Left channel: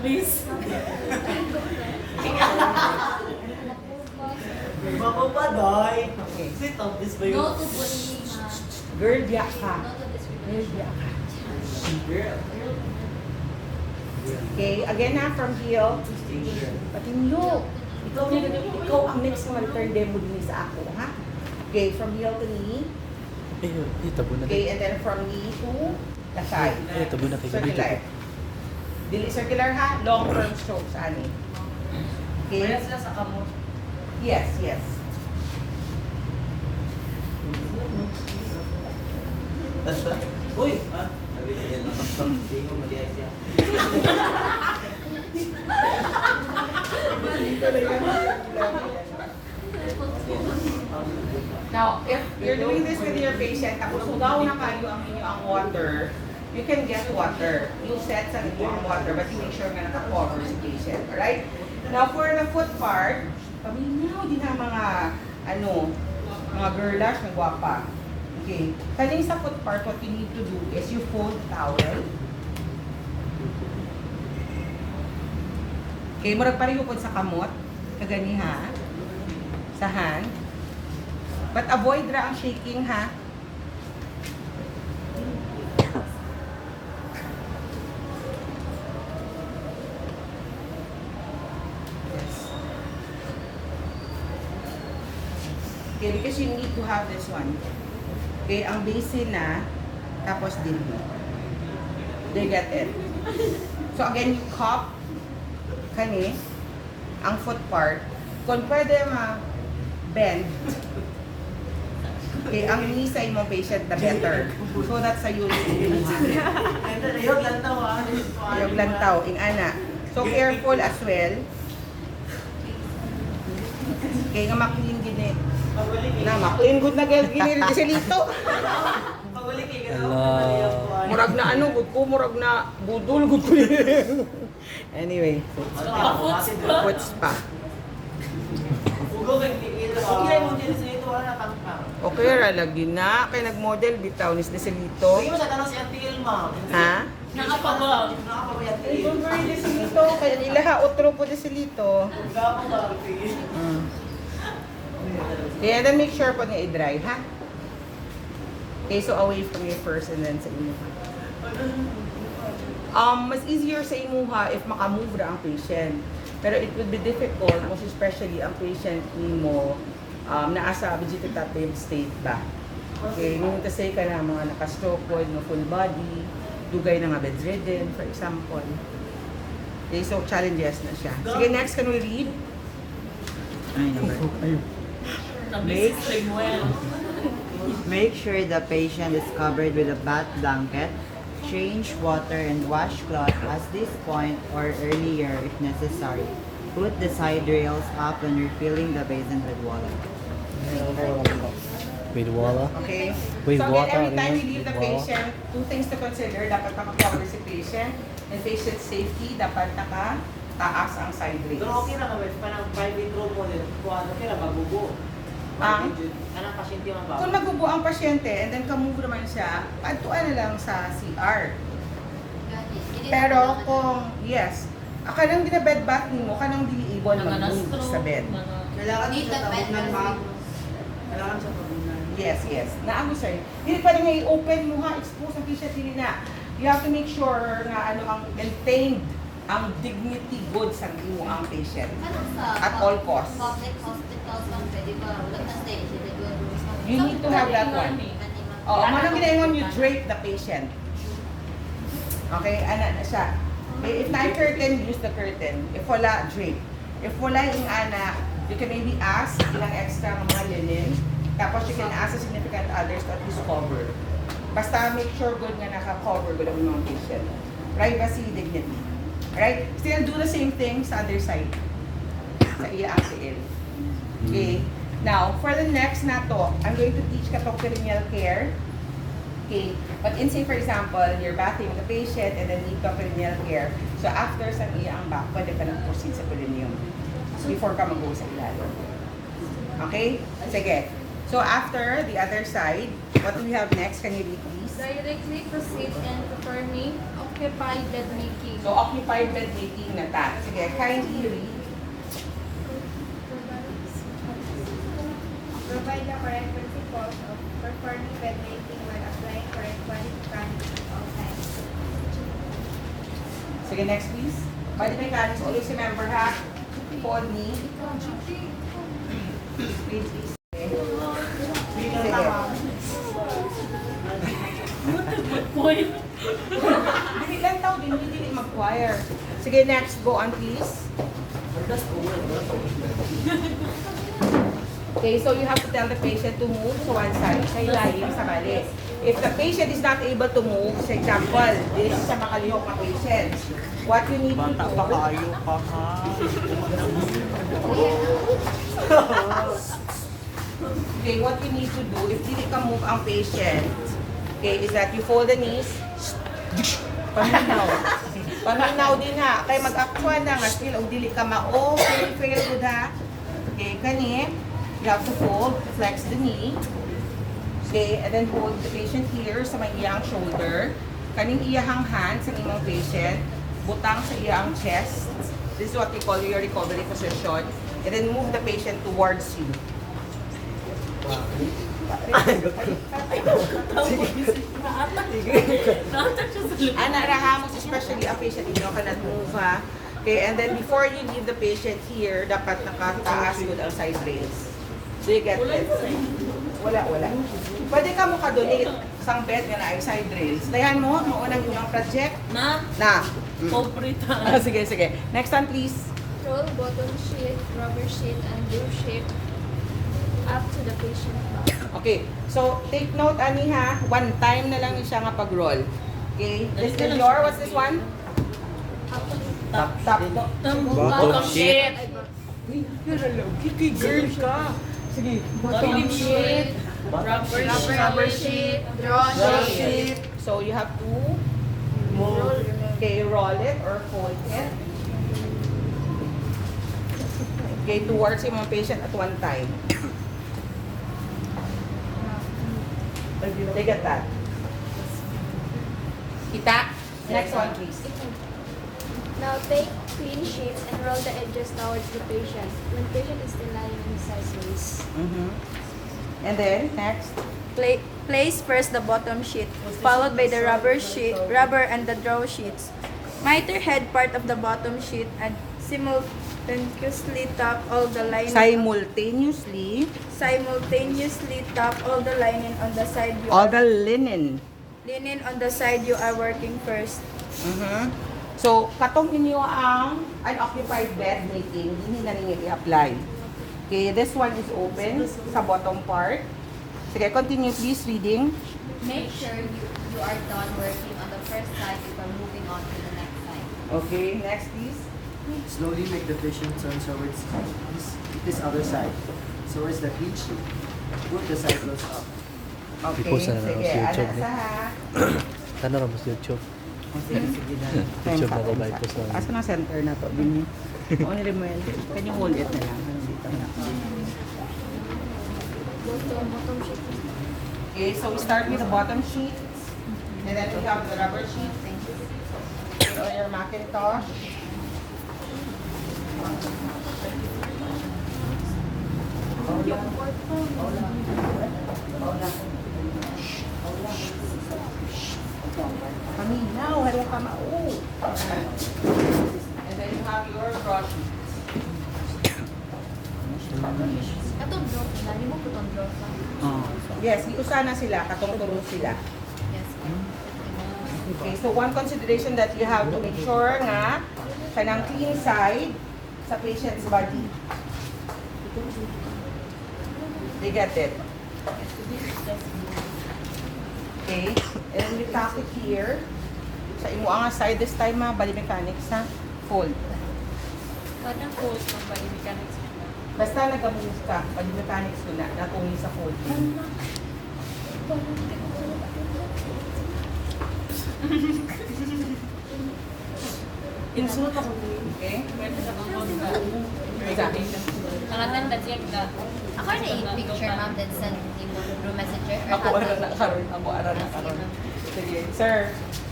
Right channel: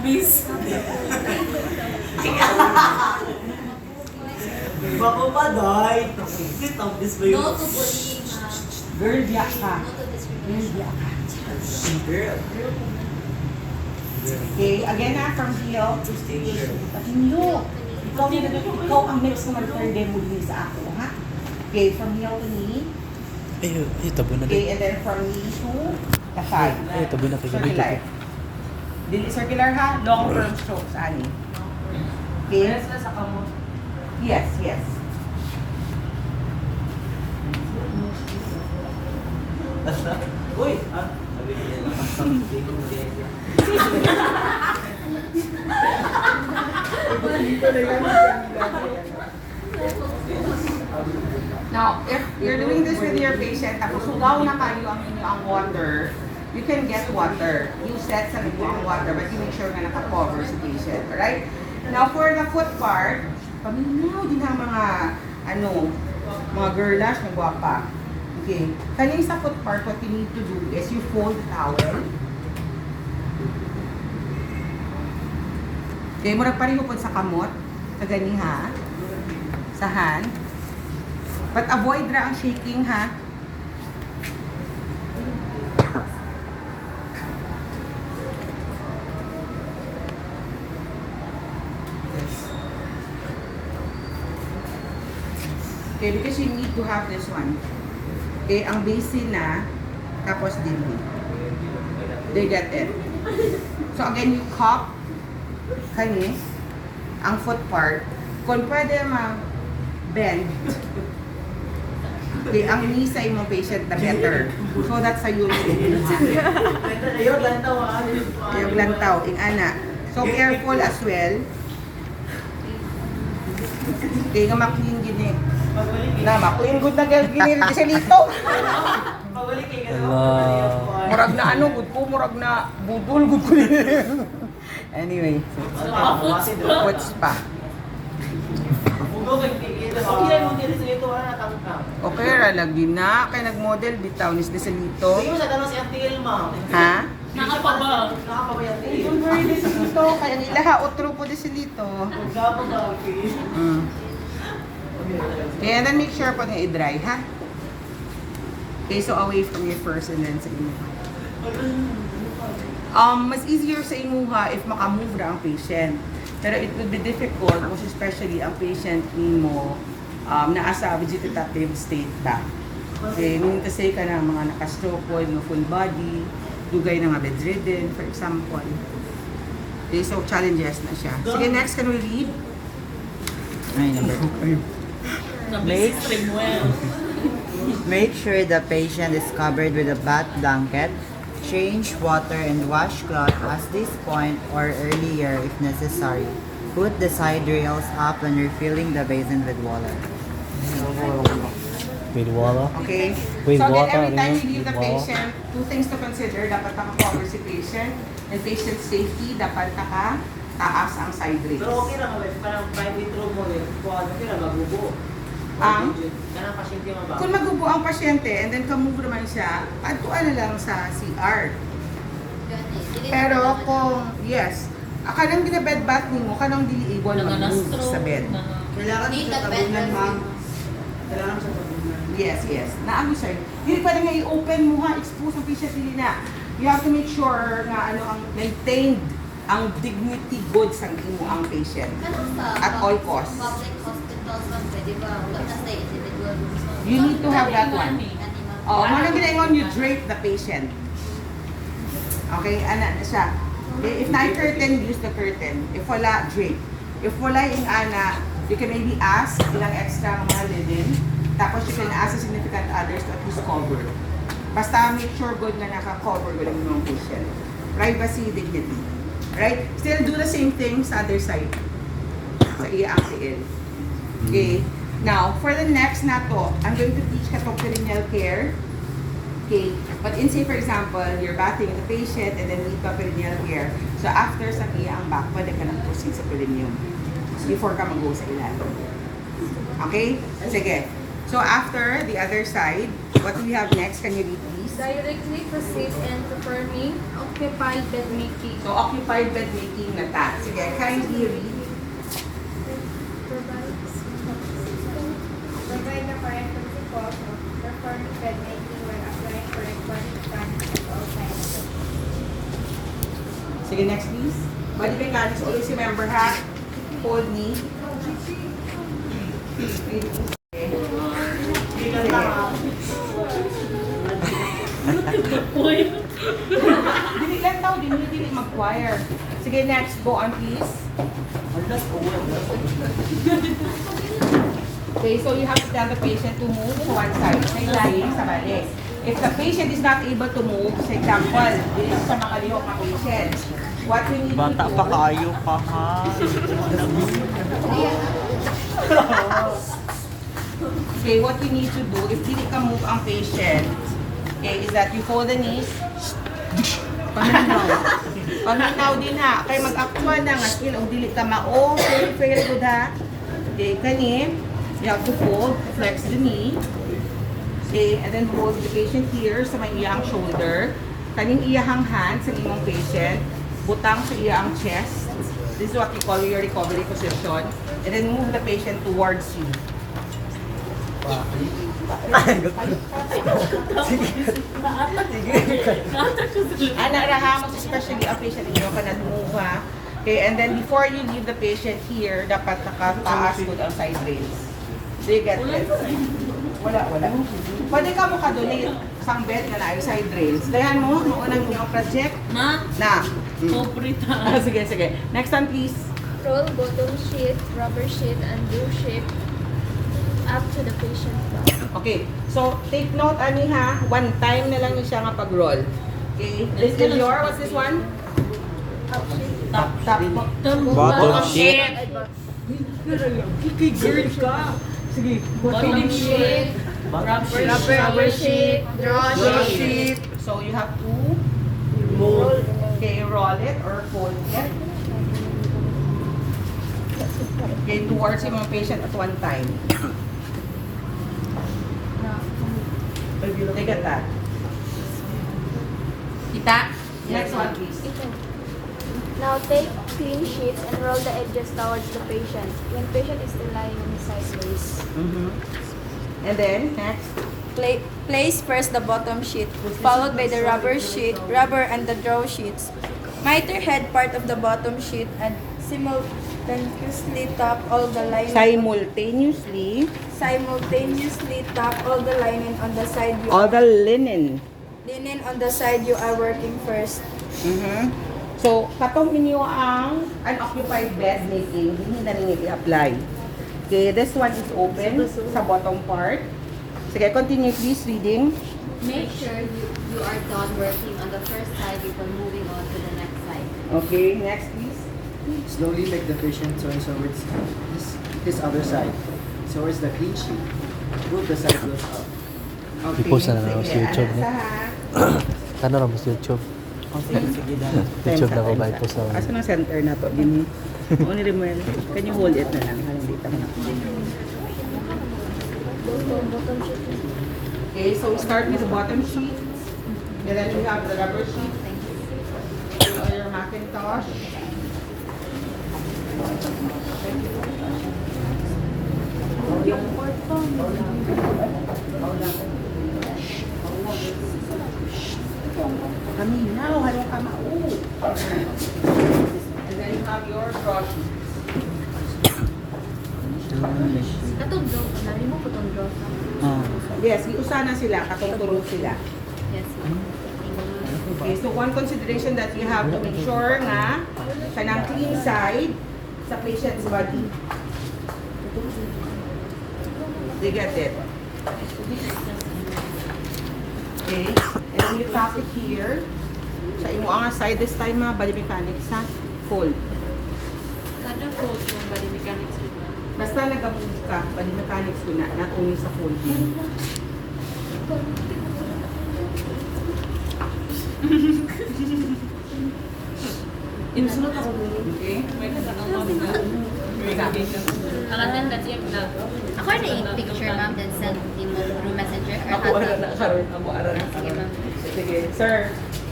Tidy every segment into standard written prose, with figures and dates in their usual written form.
Miss. Bako pa, day. Sit up, this way. No to bullying, ha? Girl, biyak ka. No to Girl, discrimination. biyak ka. Girl. Okay, again na, from heel to stage. Patinyo. Ikaw ang next na mag-turn demo din sa akin, ha? Okay, from heel to knee. Ay, tabo na Okay, din. and then from knee to the thigh. Ay, tabo na kay Gabi Circular. ko. Dili circular ha, long term strokes, ani. Okay? sila sa kamot. Yes, yes. Uy! Ha? Now, if you're doing this with your patient, tapos sugaw na kayo ang inyo ang water, you can get water. You set sa inyo ang water, but you make sure na naka-cover sa patient, alright? Now, for the foot part, paminaw din ang mga, mga girlash na guwapa. Okay. Kaning sa foot part, what you need to do is you fold the towel. Okay, murag pa rin hukod sa kamot, kagani ha, sa hand. But avoid ra ang shaking ha. Okay, because you need to have this one. Okay, ang basin na, tapos dindi. They get it. So again, you cup kani ang foot part. Kung pwede bend. Okay, ang knee sa imong patient the better. So that's a use. Ayun, lantaw ha. Yung lantaw, ing ana. So careful as well. Okay, nga maklin gini. Pagbalik Na, maklin good na gini rin sa lito. Pagbalik kayo. Ala. Murag na good po, murag na budol, good po. Anyway, what's pa? Ugo kang kikita. Okay, mo dito sa ito, tangkang. Okay, lagi na. Kaya nag-model, bitaw, nis de sa lito. Sige mo sa tanong si Auntie Ilma. Ha? Nakapaba. Nakapaba yung Auntie Don't Ilma. worry, de sa lito. Kaya nila ha, otro po de sa lito. Gabo ba? Okay. Okay, and then make sure po na i-dry, ha? Okay, so away from your first and then sa imuha. Mas easier sa imuha if makamove ra ang patient. Pero it would be difficult, most especially ang patient mo naa sa vegetative state ba. Okay, meaning kasi ka na mga nakastroke po, mga full body, dugay na nga bedridden, for example. Okay, so challenges na siya. Sige, next, can we read? Ay, number. Make Samuel. Make sure the patient is covered with a bath blanket. Change water and washcloth at this point or earlier if necessary. Put the side rails up when refilling the basin with water. With water. Okay. With so water, again, every time ano? you leave the With water. patient, two things to consider. Dapat naka-cover si patient. And patient safety, dapat naka-taas ang side rails. Pero okay lang, guys. Parang private room mo rin. Kuha okay lang, magubo. Ang? Anong pasyente mabago? Kung magubo ang pasyente and then kamove naman siya, atuan na lang sa CR. Pero kung, yes, kanang ginabed bath mo, kanang di able mag-move sa bed. Kailangan Need siya that bed tabunan, rest. ma'am. Kailangan siya tabunan. Yes, yes. Naano sir. Hindi pwede nga i-open mo ha, expose ang patient din na. You have to make sure na ang maintained ang dignity goods ang imo ang patient. Ano sa At all costs. public hospitals man, pwede ba? Wala na sa individual rooms. You need to have that one. Oh, mga ginaingon you drape the patient. Okay, ana na siya. Okay, if na-curtain, use the curtain. If wala, drape. If wala yung ana, you can maybe ask ilang extra mga linen. Tapos you can ask the significant others to at least cover. Basta make sure good nga naka-cover good ang mga patient. Privacy, dignity. Right? Still do the same thing sa other side. Sa IACL. Okay? Now, for the next na to, I'm going to teach ka to perineal care. Okay? But in say, for example, you're bathing the patient and then need to perineal care. So after sa ang back, pwede ka nang proceed sa perineum. Before ka mag-go sa ilalim. Okay? Sige. So after the other side, what do we have next? Can you read please? Directly proceed and performing Occupied bed making. So, occupied bed making na ta. Sige, kindly read. Provide the correct principles of performing bed making when applying correct body mechanics at all times. Sige, next please. Body mechanics, always remember ha. Hold knee. Read. Okay. Sige. Point. Dili lang tao, dili mag-choir. Sige, next. Go on, please. Okay, so you have to tell the patient to move to one side. Siya lying sa balik. If the patient is not able to move, for example, this is sa mga lihok na patients, what you need to Bata do... pa kayo pa ha. Okay, what you need to do, if dili ka move ang patient, okay, is that you fold the knees, paminaw. Paminaw din ha. Kaya mag-actual na nga, still, o dili ka mao, very good ha. Okay, kani, you have to fold, flex the knee. Okay, and then hold the patient here sa may iyang shoulder. Kaning iyahang hand sa imong patient, butang sa iyang chest. This is what we call your recovery position. And then move the patient towards you. Naatak siya sa loob. Ana raha mo especially ang patient niyo kanang move ha. Okay, and then before you leave the patient here, dapat nakataas po ang side rails. Do you get it? Wala. Pwede ka mo ka-donate sang bed nga na ay side rails. Dayan mo, ang unang inyong project Ma, na. pobrita. Sige. Next one please. Roll bottom sheet, rubber sheet, and glue sheet up to the patient's back. Okay, so take note ani ha, one time na lang ni siya nga pag-roll. Okay, this is your, what's this one? Up sheet. Top. Bottom sheet. Girl ka. Sige. Bottom sheet. Rubber sheet, draw sheet. So you have to roll it or fold it. Okay, towards yung mga patient at one time. Look at that. Kita? Next one, please. Now take clean sheets and roll the edges towards the patient. When patient is still lying on his sideways. And then, next. Place first the bottom sheet, followed by the rubber and the draw sheets. Miter head part of the bottom sheet and simultaneously tap all the lining. Simultaneously tap all the lining on the side you All are, the linen. linen on the side you are working first. So, katong inyo ang unoccupied bed making, hindi na ninyo i-apply. Okay, this one is open sa bottom part. Sige, continue please reading. Make sure you are done working on the first side before moving on to the next side. Okay, next please. Slowly make the patient turn towards this other side. Towards the clean sheet. Put the side goes up. Okay, I-post na lang sige, sa YouTube, anak ne? sa ha. Kano ra mas YouTube? YouTube na ko ba ito sa... Asa na center na to? Dini. O ni Rimuel, can you hold it na lang? Dito na. Bottom sheet. Okay, so we start with the bottom sheet. And then we have the rubber sheet. Your Macintosh. Kami now, hello ka mau. And then you have your brush. Katong draw, nari mo po itong draw ka. Oh. Yes, iusana sila, katulog sila. Yes. Okay, so one consideration that you have to make sure nga kanang clean side sa patient's body. They get it. Okay, and then you tap it here. Sa imo ang side this time ha, body mechanics ha, fold. Anong code ng body mechanics mo ba? Basta nag-move ka, body mechanics ko na, not only sa folding. Insulot ako. Okay? Ang attendance yung na. Ako na yung picture, ma'am, then send through messenger or Ako hot na nakaroon, ako ara na. Sige, ma'am. Sige, sir,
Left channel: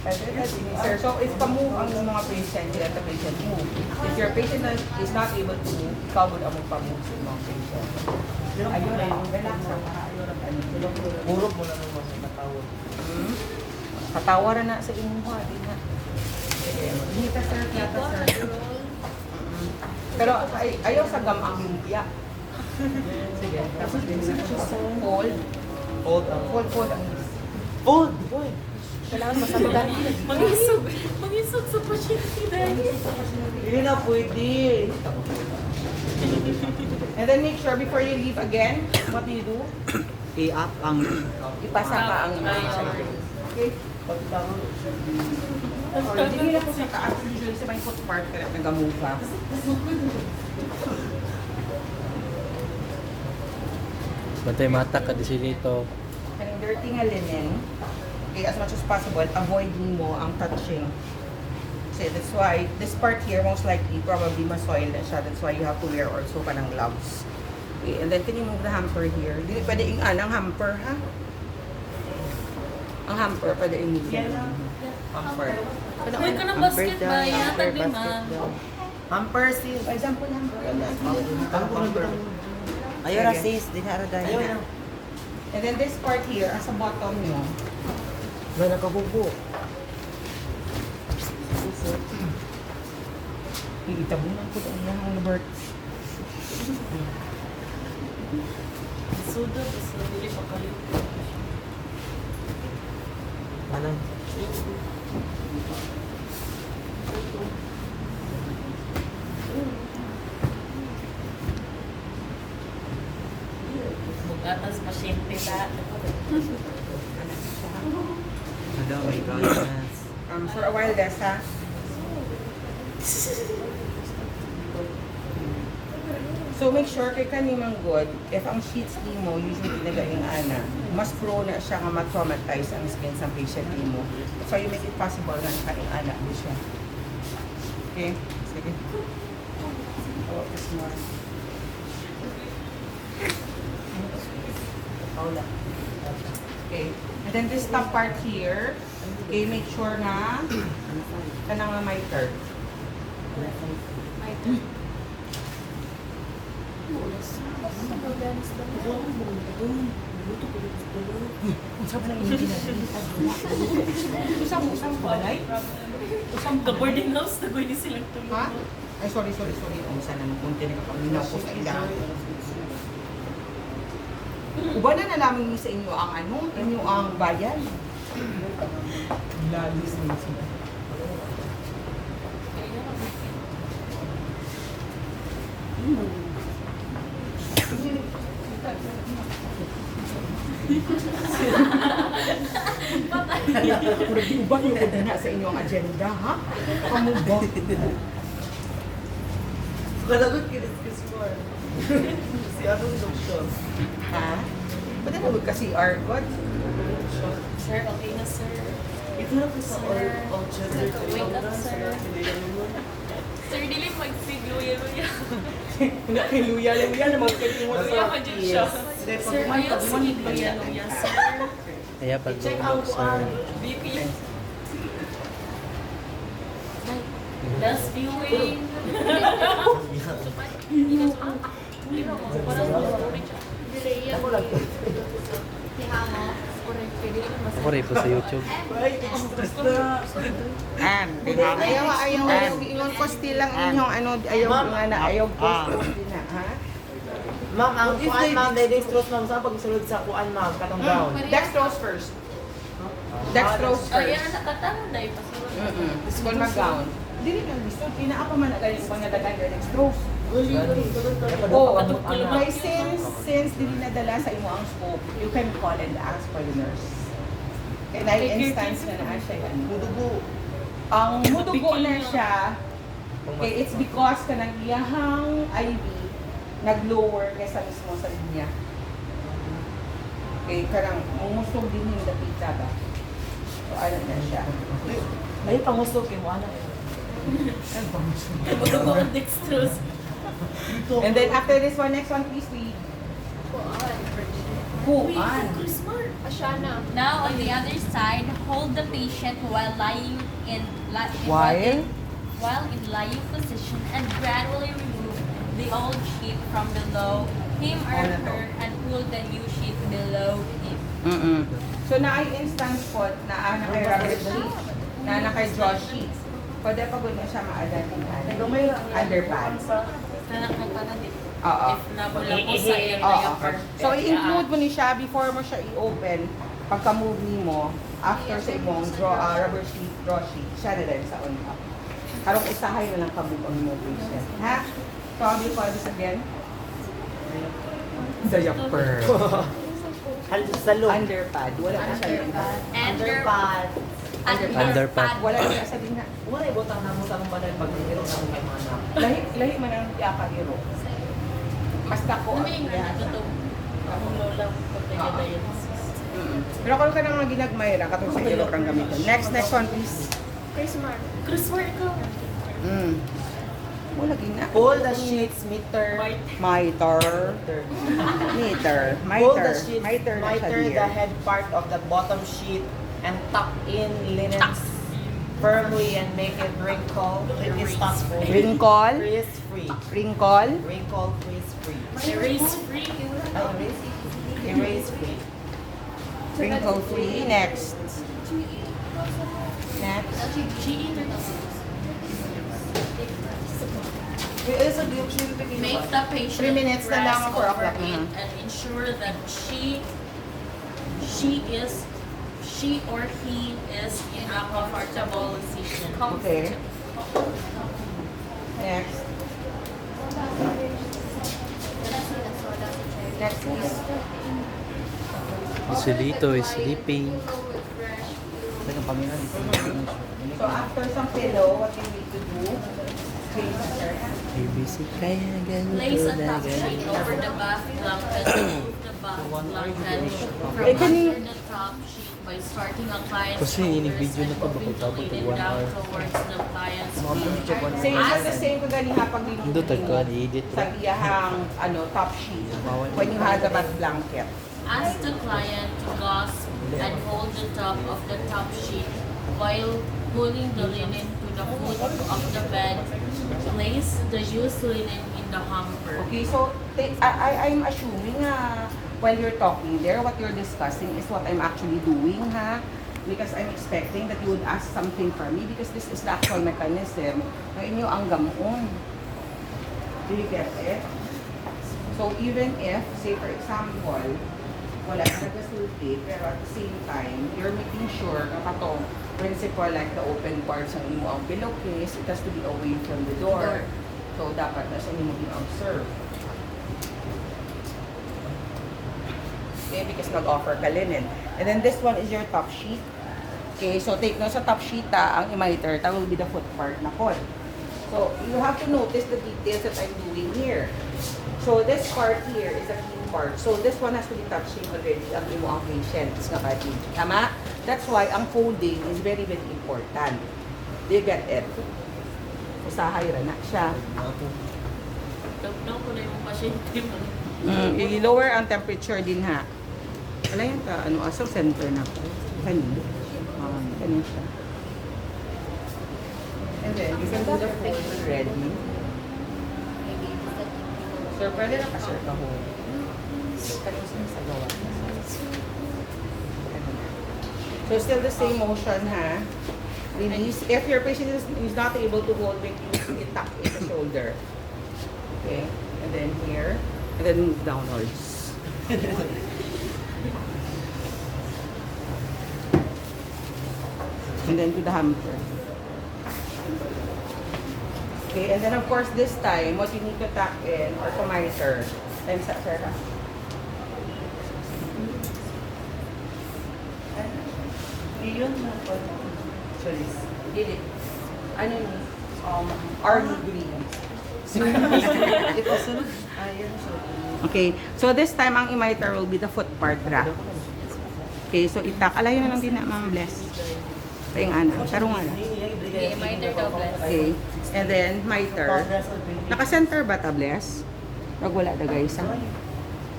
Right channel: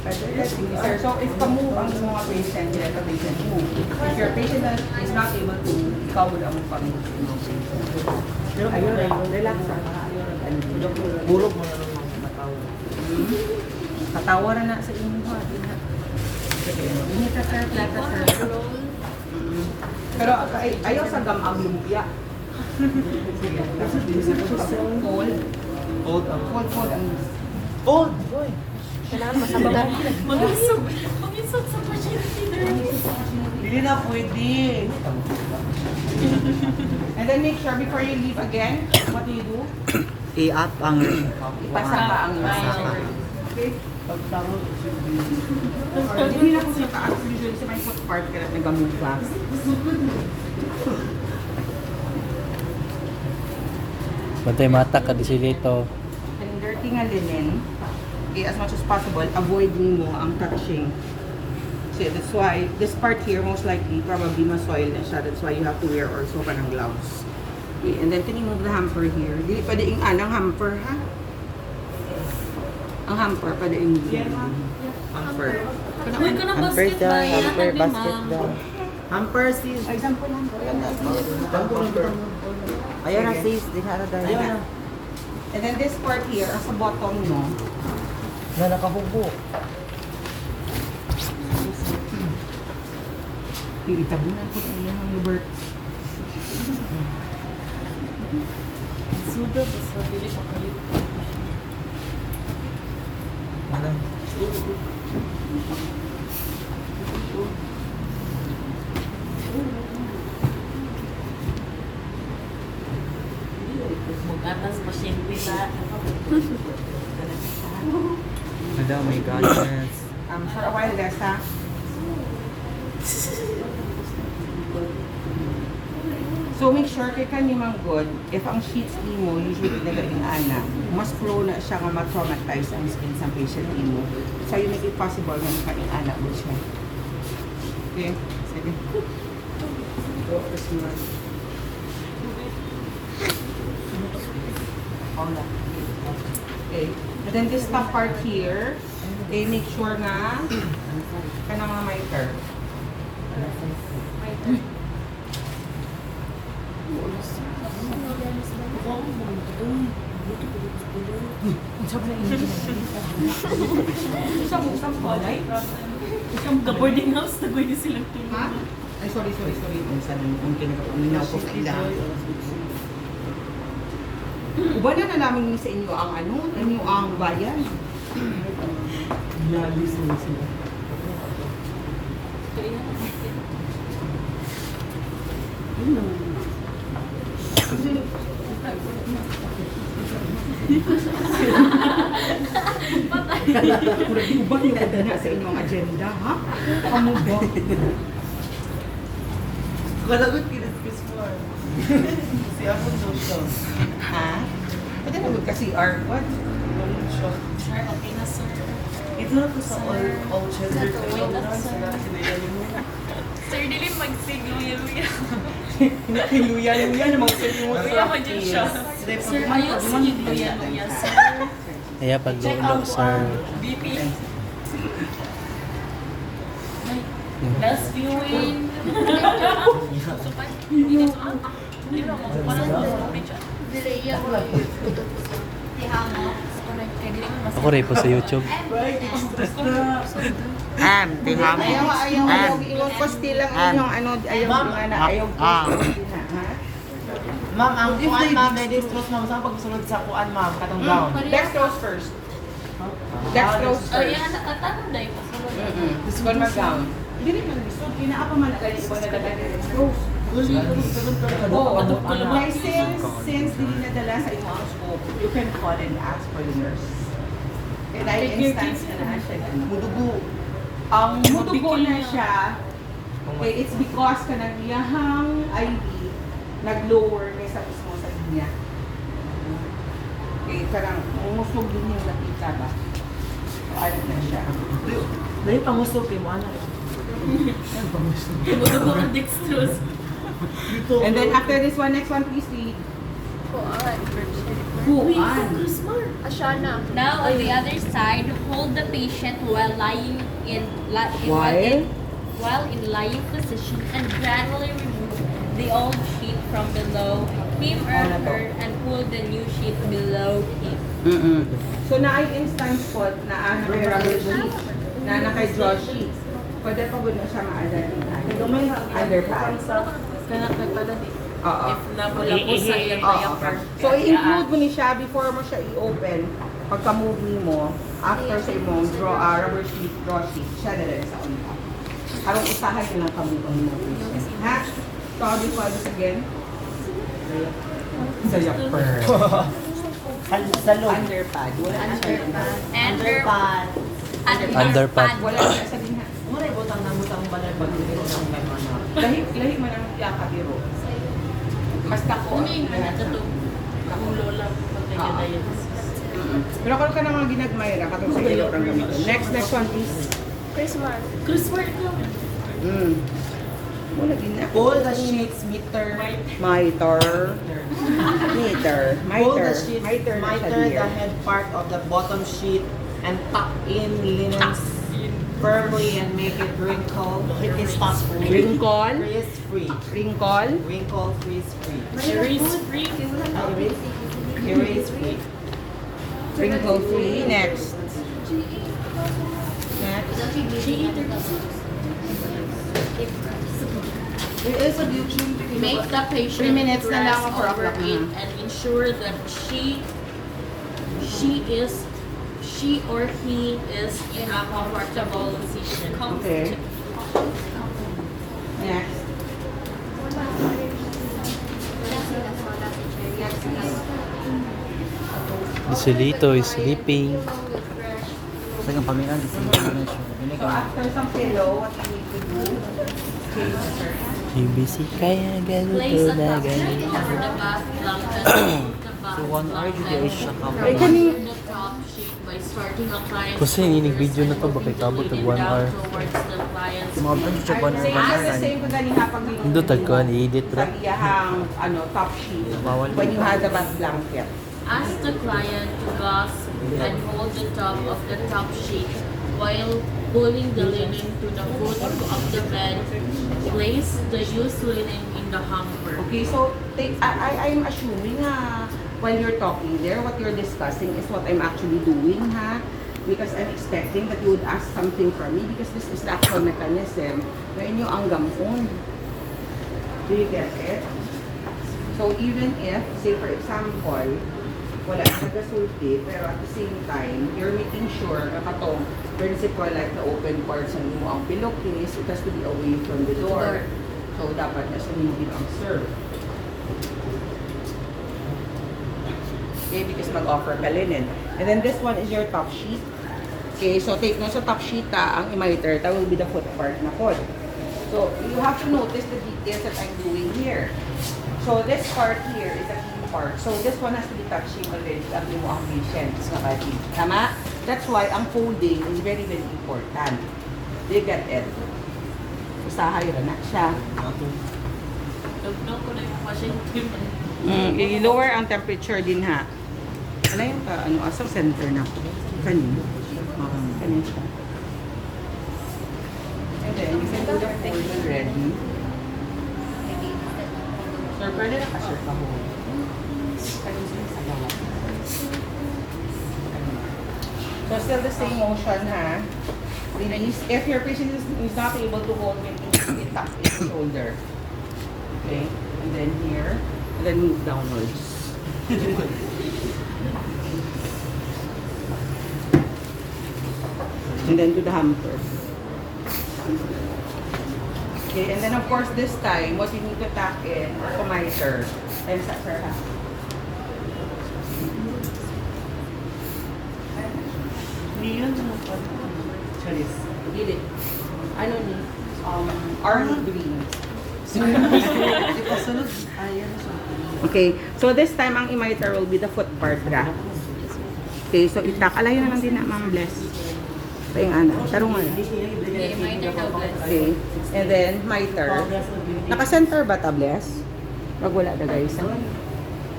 Sir, so if ka-move ang mga patient, hindi ka patient move. If your patient is not able to move, ikaw would ang mag-move. Ayun, relax lang. Bulog mo na naman. Tatawaran na sa inyo ha. Hindi ka sir, plata sir. Pero ayaw sa gamang lumpia. Hold. Hold on. Hold ang Hold! Boy! Mangisog sa pasyente. Hindi na pwede. And then make sure before you leave again, what do you do? I-up ang Ipasa ka ang okay? Pagtangon. Or hindi na po sa taas. Usually sa may foot part ka na nag-move fast. Bantay mata ka di dito. And dirty nga linen, okay, as much as possible, avoid mo ang touching. So that's why, this part here, most likely, probably ma-soil na siya. That's why you have to wear also ka ng gloves. Okay, and then can you move the hamper here? Dili pwede yung anang hamper, ha? Ang hamper, pwede yung hamper. May ka ng basket ba? Yata di basket ma'am. daw. Hamper sis. For example, hamper. Ayaw na sis, di na dahil. And then this part here, as sa bottom nyo, Na nakabubo. itabunan ko ang ilang Robert. Sudot. So, bilis siya kalit. Ano? Mag-atas pasyente na. Madam, may goodness. For a while, Des, ha? So make sure kay kanimang good, if ang sheets mo usually nagaling ana, mas prone na siya nga ma-traumatize ang skin sa patient mo. So you make it possible na nakaing ana mo siya. Okay? Sige. Focus mo. Paula. Okay. And then this top part here, okay, make sure na kanang mga micer. Isang balay? Isang the boarding house na pwede silang Ha? tulungan. Ay, sorry. Ang sana kung kinakapaminaw ko sa ila. Uba na namin sa inyo ang inyo ang bayan. Lalis na sila. Uba yung na sa inyong agenda, ha? Kamu ba? Kalagot kinis mo. Si ano daw siya? Ha? Pwede na magka-CR. What? Sir, okay na sir. Ito na ko sa all cheddar. Wake up, sir. Sir, dili magsigluya-luya. Luya naman sa inyo. Luya mo dyan siya. Sir, ayaw sigluya-luya, sir. Kaya pag doon sir. BP. Best viewing. Ako rin po sa YouTube. Ayaw, yung posti lang inyong ayaw posti na, ha? Ma'am, ang kuan ma'am, dextrose ma'am, saan pagsunod sa kuan ma'am, katong down? Dextrose first. Dextrose Ay, first. nakatanong dahil pa. This one mag-gown. Hindi rin yung gusto. Hindi na ako man nagay ibang nalagay ng dextrose. Oo, okay, since hindi nadala sa imo ang scope, you can call and ask for the nurse. Kaya dahil instance na siya, mudugo. Ang mudugo na siya, okay, it's because kanang iyahang IV nag-lower kaysa mismo sa inya. Okay, karang umusog din yung dapita ba? So, ano na siya. Dahil pangusok kay mo, ano eh. Mudugo ang dextrose. And then after this one, next one, please lead. Ashana. Now on the other side, hold the patient while lying in while in lying position and gradually remove the old sheet from below him or her and pull the new sheet below him. So na ay instance po na kay rubber sheet, na kay draw sheet. Pwede pa mo siya ma-adapt na. Underpants. Oo. If nabula po sa iyong Oo. So, i-include mo ni siya before mo siya i-open. Pagka-move ni mo, after sa imong rubber sheet, draw sheet, siya na lang sa on top. Parang usahay na lang kami on moving. Ha? So, how do you call this again? Sa yapper. Sa loob. Underpad. Wala na siya. Underpad. Underpad. Wala na siya din ha. Muna ibutang na butang balay pag-ibig ng may mga. Lahi man ang yakahiro. Basta ko. Ano yung natutog? Akong lola. Pagkaya na yun. Pero ako ka na mga ginagmay lang katong sa iyo pang gamitin. Next one please. Christmas. Christmas ko. Wala din na. Hold the sheets meter. Miter. Hold the sheets Miter na siya miter the here. head part of the bottom sheet and tuck in linens firmly and make it wrinkle. It's free. Wrinkle. Freeze free. Wrinkle. Wrinkle freeze free. Erase free. Erase. Erase free. Wrinkle free. Next. Next. Make the patient 3 minutes na lang rest for over o'clock it na. and ensure that she or he is in a comfortable position. Okay. Next. Next please. Isolito is sleeping. So after some pillow, what you need to do? Okay, sir. UBC kaya Place ganito a na top sheet ganito. over the bath blanket. Remove the bath blanket from kaning- the top sheet by starting a client's Kasi inig-video na to, shoulders bakit abot and ng down 1 hour? towards the client's Same pag ganiha pag Hindi tagkuhan, i-edit sa ra. iyahang top sheet when you have the bath blanket. Ask the client to clasp and hold the top of the top sheet while pulling the linen to the foot of the bed. Place the used linen in the hamper. Okay, so I'm assuming while you're talking there, what you're discussing is what I'm actually doing, ha? Because I'm expecting that you would ask something from me because this is the actual mechanism na inyo ang gamon. Do you get it? So even if, say for example, wala ka nag-sulti, pero at the same time, you're making sure na katong principle like the open parts na mo ang pillowcase, it has to be away from the door. So dapat na siya mo observe. Okay, because mag-offer ka linen. And then this one is your top sheet. Okay, so take na sa top sheet ang imiter, that will be the foot part na pod. So you have to notice the details that I'm doing here. So this part here is a key part. So this one has to be touching already ang inyong patient's body. Tama? That's why ang folding is very, very important. Do you get it? Usahay ra na siya. Tugtog ko na yung pasyente mo. I-lower ang temperature din ha. Ano yung aso center na ko? Kanino? Kanino siya. And then, you can do the fold when ready. Sir, pwede na ka-sir pa ho. Sa gawa. So, still the same motion ha. Release. If your patient is not able to hold it, it tuck in the shoulder. Okay. And then here. And then move downwards. And then to the hamper. Okay, and then of course this time, what you need to tap in or to monitor. And sa sir ha. Yun sorry. Dili. Ano ni? Army green. Okay, so this time ang imiter will be the foot part ra. Okay, so itak. Alayo na lang din na, Ma'am Bless. Payang ana. Tarong ana. Okay, and then miter. Naka-center ba ta, Bless? Wag wala ba guys?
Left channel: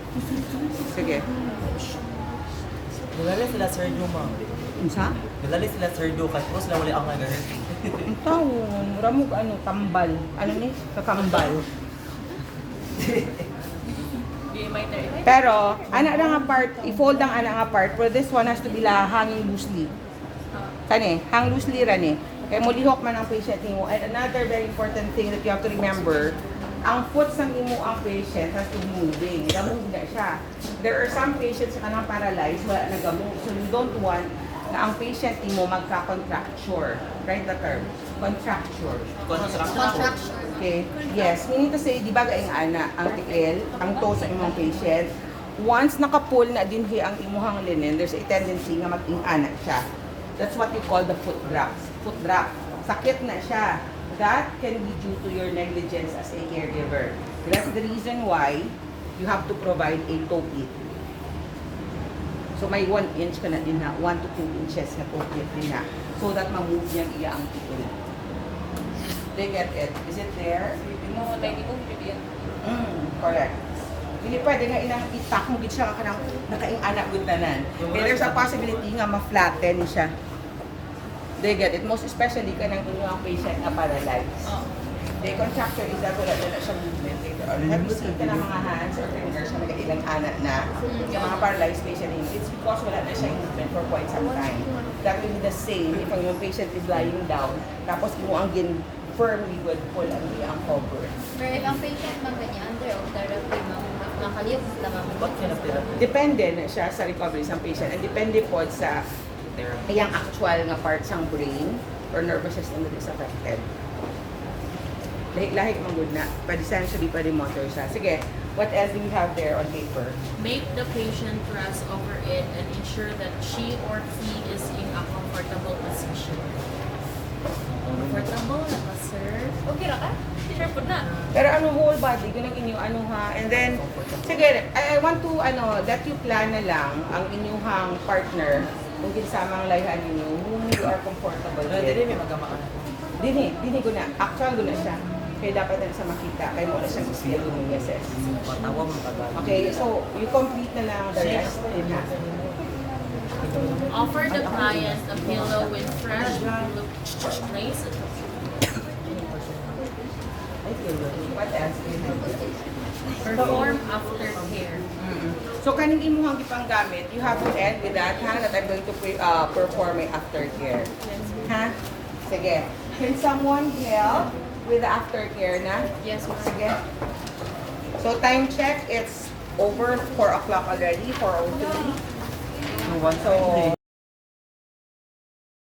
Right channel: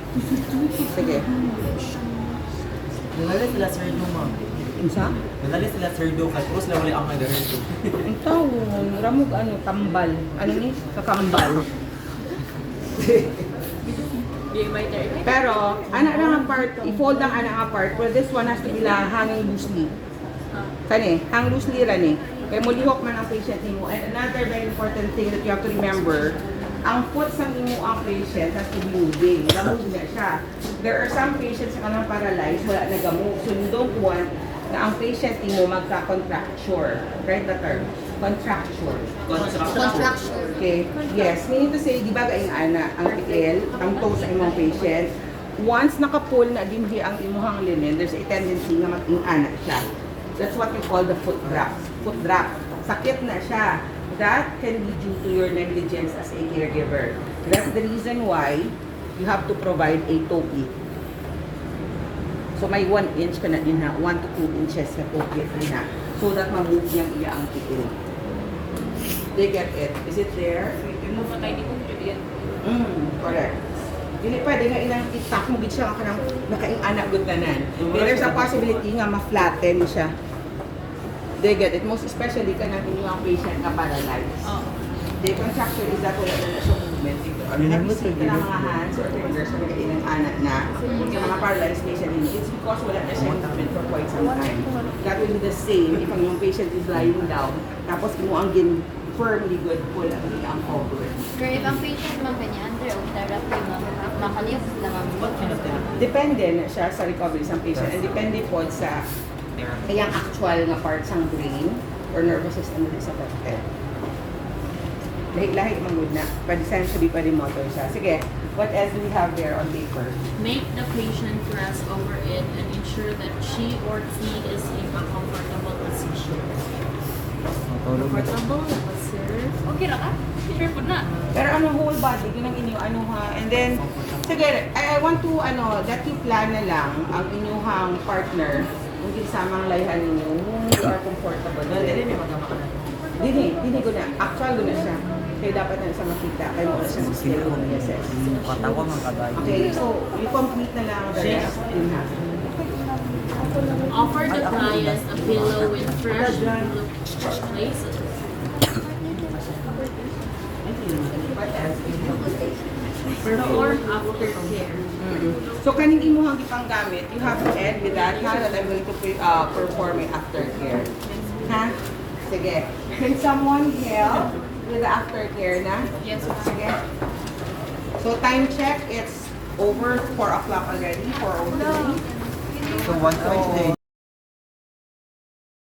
Sige. Nalala sila Sergio, ma'am. Unsa? Nalala sila Sergio, kaya po sila wala ang nag-rehearse. Ang tao, ramog ano, tambal. Ano ni? Sa pambal. Pero, anak na nga part, i-fold ang anak nga part, but this one has to be hanging loosely. Kani, hang loosely ran eh. Kaya mo lihok man ang patient mo. And another very important thing that you have to remember, ang foot sa imo ang patient has to be moving. Lamog na siya. There are some patients na kanang paralyzed, wala na gamot. So you don't want na ang patient mo magka-contracture. Right the term? Contracture. Okay. Yes. Meaning to say, di ba gaing ana, ang tiil, ang toe sa imong patient, once nakapull na din ang imuhang linen, there's a tendency na mag-ana siya. That's what we call the foot drop. Foot drop. Sakit na siya. That can be due to your negligence as a caregiver. That's the reason why you have to provide a toe clip. So may 1 inch ka na din ha, 1 to 2 inches na toe clip din ha. So that ma-move niyang iya ang tiil. They get it. Is it there? Correct. Dili pwede nga ilang itak mo gid siya kanang nakaing-anak gud tanan. There's a possibility nga ma-flatten siya. They get it. Most especially kanang inyong patient na paralyzed. The contracture is that wala na siya movement. Nag-isip ka ng mga hands or fingers na nag-ilang anak na sa mga paralyzed patient, it's because wala na siya movement for quite some time. That will be the same if ang yung patient is lying down, tapos mo ang firmly good pull ang iyang cover. Pero if ang patient man kanya, under therapy, makaliyos sila mamulot. Depende na siya sa recovery sa patient and depende po sa iyang actual nga parts ng brain or nervous system na sa head. Lahi man good na. But essentially, pwede motor siya. Sige, what else do we have there on paper? Make the patient rest over it and ensure that she or he is in a comfortable position. Comfortable na sir? Okay ra ka? Sure po na. Pero ano, whole body, ganun inyong ano ha. And then, sige, I want to, that you plan na lang ang inyong partner kung kinsamang layhan ninyo, whom you are comfortable with. Dini ko na. Actual ko na siya. Kaya dapat na siya makita. Kaya mo na siya mag-skill ko na assess. Okay, so you complete na lang the rest. Offer the client a pillow with fresh place at the What else? perform aftercare. So kaning imuhang gipang gamit, you have to end with that ha, that I'm going to perform it aftercare. Ha? Sige. Can someone help with the aftercare na? Yes, ma'am. Sige. So time check, it's over 4 o'clock already, 4:03. So, 1 So,